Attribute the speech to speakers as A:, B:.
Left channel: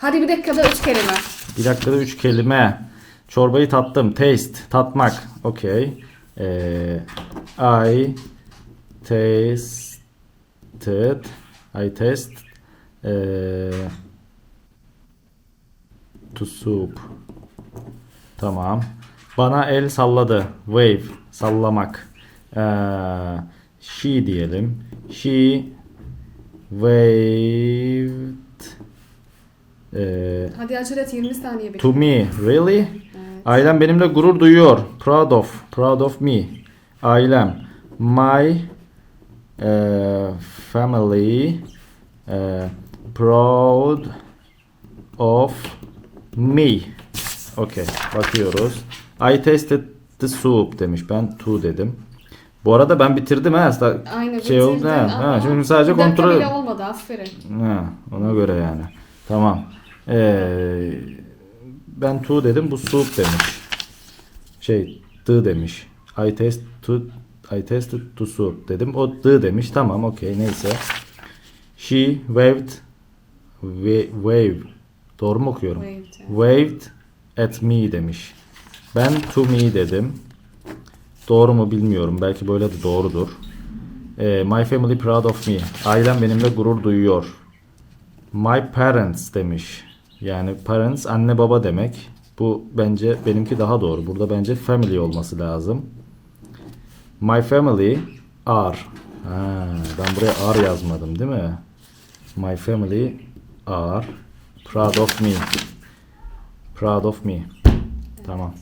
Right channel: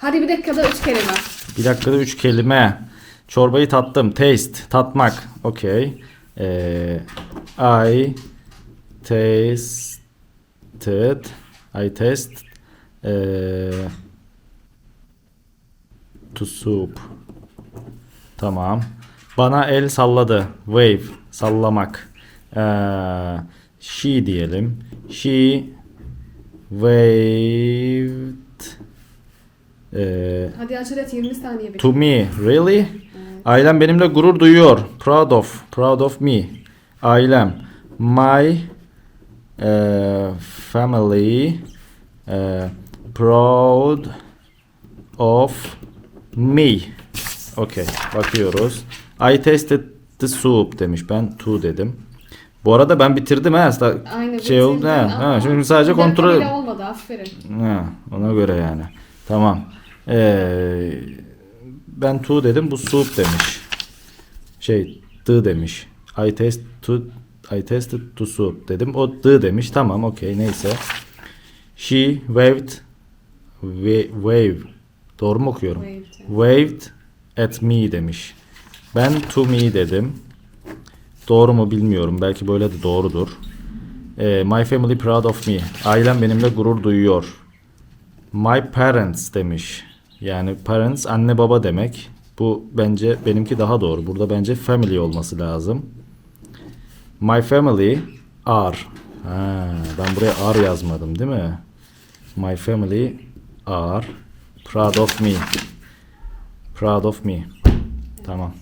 A: Hadi bir dakikada üç kelime.
B: Bir dakikada üç kelime. Çorbayı tattım. Taste. Tatmak. Okey. Ee, I tasted. I taste. Ee, to soup. Tamam. Bana el salladı. Wave. Sallamak. Ee, she diyelim. She waved ee,
A: Hadi acele et 20 saniye bekle.
B: To me, really? Ailem benimle gurur duyuyor. Proud of, proud of me. Ailem, my eh, family eh, proud of me. Okay, bakıyoruz. I tasted the soup demiş. Ben to dedim. Bu arada ben bitirdim ha. Aslında
A: Aynı
B: şey oldu ha. ha. Şimdi sadece kontrol
A: bile olmadı aferin.
B: Ha, ona göre yani. Tamam. Ee, ben to dedim. Bu soup demiş. Şey the demiş. I taste to I tasted to soup dedim. O the demiş. Tamam okey neyse. She waved wa- wave. Doğru mu okuyorum? Waved. At me demiş. Ben to me dedim. Doğru mu bilmiyorum. Belki böyle de doğrudur. Ee, my family proud of me. Ailem benimle gurur duyuyor. My parents demiş. Yani parents anne baba demek. Bu bence benimki daha doğru. Burada bence family olması lazım. My family are. Ha, ben buraya are yazmadım değil mi? My family are proud of me. Proud of me. Tamam.